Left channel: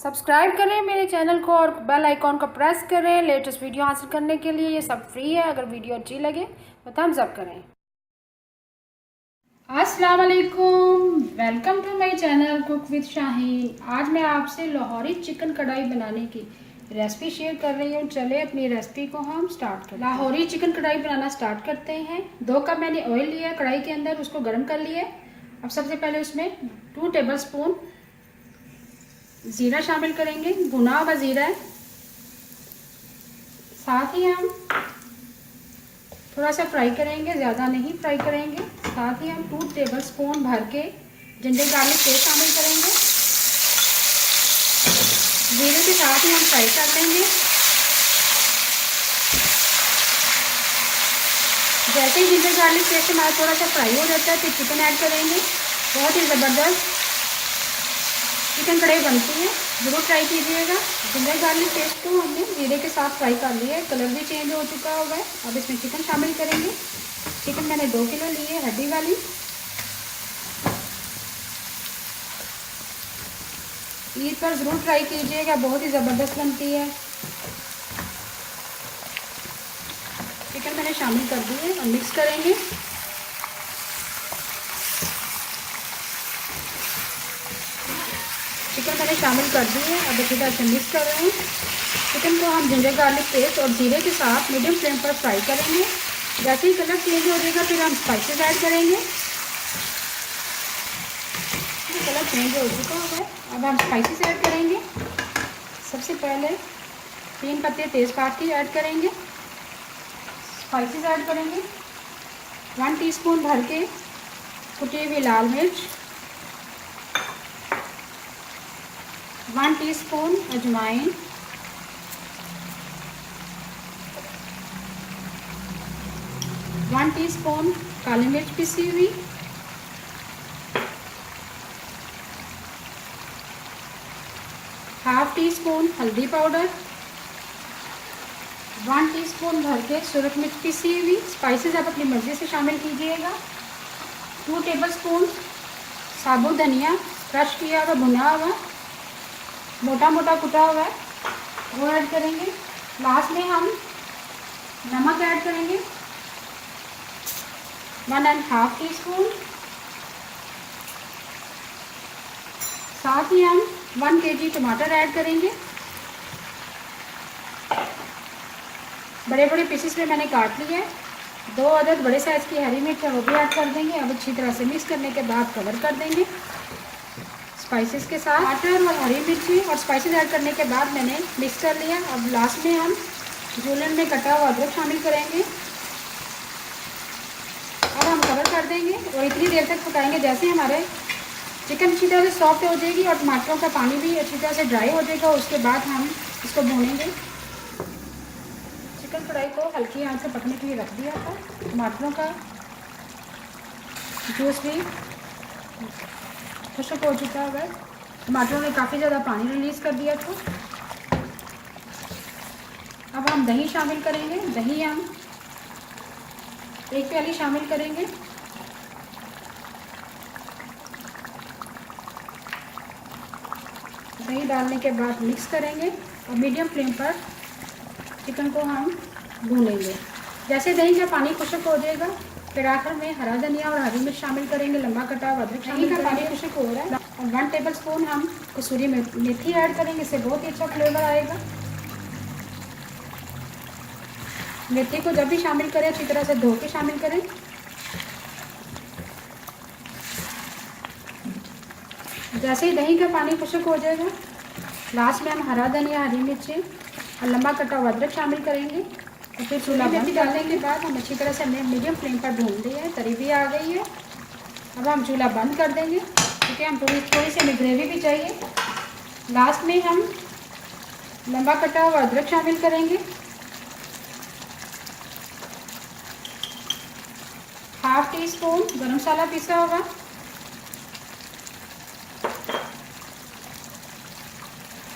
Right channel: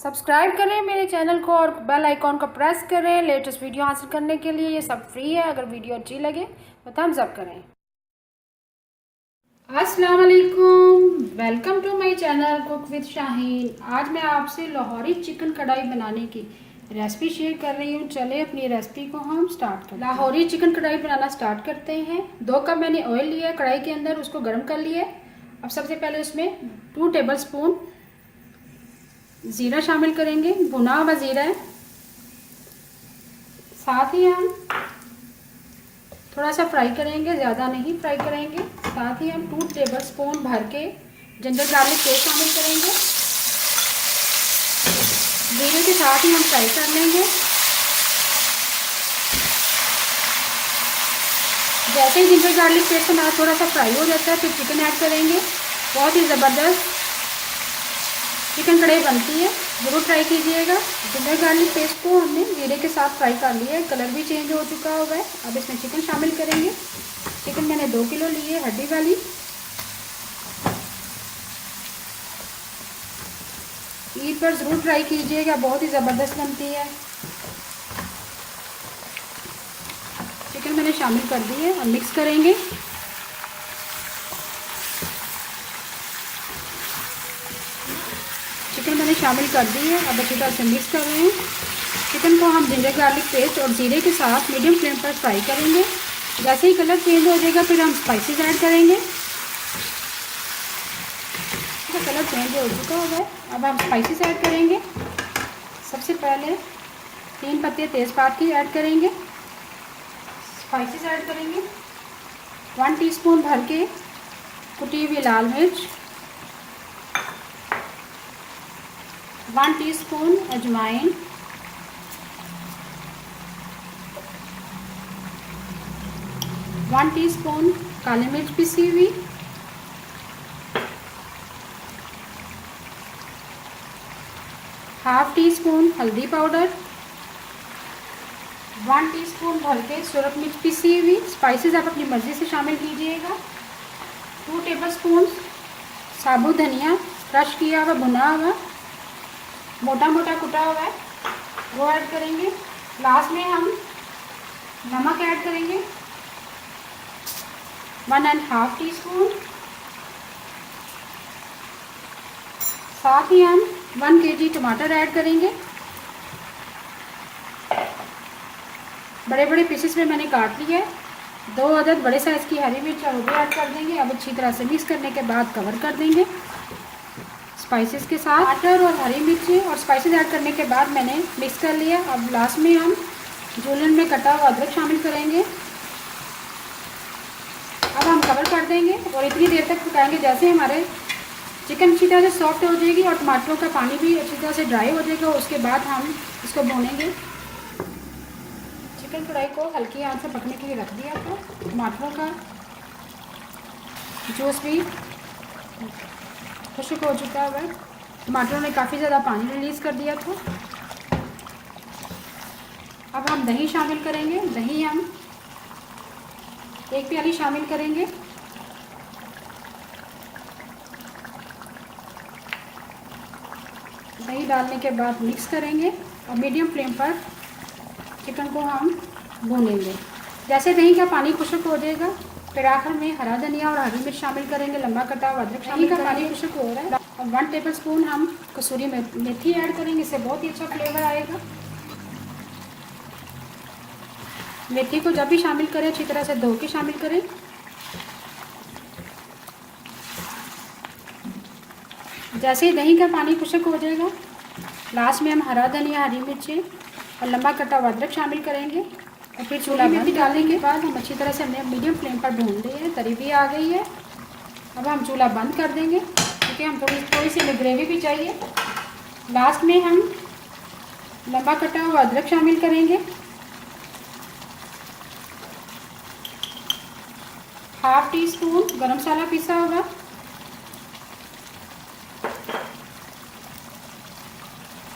Subscribe करें मेरे channel को और बेल आइकॉन को प्रेस करें लेटेस्ट वीडियो हासिल करने के लिए। ये सब फ्री है। अगर वीडियो अच्छी लगे तो थम्स अप करें। अस्सलाम वालेकुम, welcome to my channel cook with Shaheen. आज मैं आपसे लाहौरी चिकन कढ़ाई बनाने की रेसिपी शेयर कर रही हूँ। चले अपनी रेसिपी को हम स्टार्ट करते हैं। लाहौरी चिकन कढ़ाई बनाना स्टार्ट करते हैं। 2 कप मैंने ऑयल लिया कढ़ाई के अंदर, उसको गर्म कर लिया। अब सबसे पहले उसमें 2 टेबल स्पून ज़ीरा शामिल करेंगे, भुना हुआ ज़ीरा है। साथ ही हम थोड़ा सा फ्राई करेंगे, ज़्यादा नहीं फ्राई करेंगे। साथ ही हम 2 टेबल स्पून भर के जिंजर गार्लिक पेस्ट शामिल करेंगे। ज़ीरे के साथ ही हम फ्राई कर लेंगे। जैसे ही जिंजर गार्लिक पेस्ट हमारा थोड़ा सा फ्राई हो जाता है फिर चिकन ऐड करेंगे। बहुत ही ज़बरदस्त चिकन कढ़ाई बनती है, ज़रूर ट्राई कीजिएगा। जिंजर गार्लिक पेस्ट को हमने जीरे के साथ फ्राई कर लिया है, कलर भी चेंज हो चुका हुआ है। अब इसमें चिकन शामिल करेंगे। चिकन मैंने 2 किलो ली है, हड्डी वाली। ईद पर ज़रूर ट्राई कीजिएगा, बहुत ही ज़बरदस्त बनती है। चिकन मैंने शामिल कर दी है, अब मिक्स करेंगे। चिकन मैंने शामिल कर दी है, अब अच्छी तरह से मिक्स कर रहे हैं। चिकन को हम जिंजर गार्लिक पेस्ट और जीरे के साथ मीडियम फ्लेम पर फ्राई करेंगे। जैसे ही कलर चेंज हो जाएगा फिर हम स्पाइसेस ऐड करेंगे। तो कलर चेंज हो चुका है, अब हम स्पाइसेस ऐड करेंगे। सबसे पहले 3 पत्ते तेज़पात की ऐड करेंगे। स्पाइसेस ऐड करेंगे। 1 टीस्पून भर के कुटी हुई लाल मिर्च, 1 टीस्पून अजवाइन, 1 टीस्पून काली मिर्च पिसी हुई, 1/2 टीस्पून हल्दी पाउडर, 1 टीस्पून भर के सूरख मिर्च पिसी हुई। स्पाइसेस आप अपनी मर्ज़ी से शामिल कीजिएगा। 2 टेबल स्पून साबुत धनिया क्रश किया हुआ, भुना हुआ, मोटा मोटा कुटा हुआ है, वो ऐड करेंगे। लास्ट में हम नमक ऐड करेंगे, 1.5 टीस्पून। साथ ही हम 1 केजी टमाटर ऐड करेंगे। बड़े बड़े पीसेस में मैंने काट लिए। 2 अदद बड़े साइज़ की हरी मिर्च वो भी ऐड कर देंगे। अब अच्छी तरह से मिक्स करने के बाद कवर कर देंगे स्पाइसेस के साथ। टमाटर और हरी मिर्ची और स्पाइसेस ऐड करने के बाद मैंने मिक्स कर लिया। अब लास्ट में हम जूलन में कटा हुआ अदरक शामिल करेंगे। अब हम कवर कर देंगे और इतनी देर तक पकाएंगे जैसे हमारे चिकन अच्छी तरह से सॉफ्ट हो जाएगी और टमाटरों का पानी भी अच्छी तरह से ड्राई हो जाएगा। उसके बाद हम इसको भूनेंगे। चिकन कढ़ाई को हल्की आंच से पकने के लिए रख दिया था। टमाटरों का जूस भी खुश्क हो चुका है। टमाटरों ने काफ़ी ज़्यादा पानी रिलीज़ कर दिया था। अब हम दही शामिल करेंगे। दही हम 1 प्याली शामिल करेंगे। दही डालने के बाद मिक्स करेंगे और मीडियम फ्लेम पर चिकन को हम भूनेंगे। जैसे दही का पानी खुश्क हो जाएगा फिर आखिर में हरा धनिया और हरी मिर्च शामिल करेंगे, लंबा कटा हुआ अदरक शामिल करेंगे। पानी खुश्क हो रहा है और 1 टेबल स्पून हम कसूरी मेथी ऐड करेंगे, इससे बहुत ही अच्छा फ्लेवर आएगा। मेथी को जब भी शामिल करें अच्छी तरह से धो के शामिल करें। जैसे ही दही का पानी खुश्क हो जाएगा लास्ट में हम हरा धनिया, हरी मिर्ची और लंबा कटा हुआ अदरक शामिल करेंगे और फिर चूल्हा मेथी डालने के बाद हम अच्छी तरह से मीडियम फ्लेम पर भून दिए हैं। तरी भी आ गई है। अब हम चूल्हा बंद कर देंगे क्योंकि हम थोड़ी सी हमें ग्रेवी भी चाहिए। लास्ट में हम लंबा कटा हुआ अदरक शामिल करेंगे, 1/2 टीस्पून गरम मसाला पिसा हुआ,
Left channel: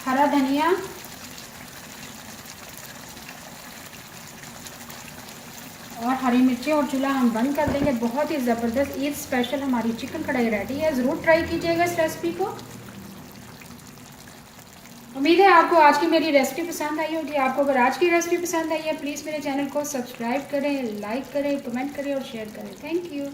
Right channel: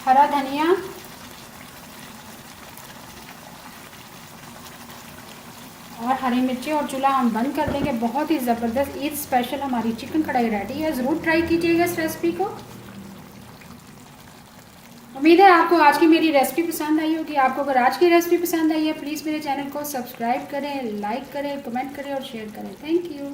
हरा धनिया और हरी मिर्ची और चूल्हा हम बंद कर देंगे। बहुत ही ज़बरदस्त ईद स्पेशल हमारी चिकन कढ़ाई रेडी है। ज़रूर ट्राई कीजिएगा इस रेसिपी को। उम्मीद है आपको आज की मेरी रेसिपी पसंद आई होगी। आपको अगर आज की रेसिपी पसंद आई है प्लीज़ मेरे चैनल को सब्सक्राइब करें, लाइक करें, कमेंट करें और शेयर करें। Thank you.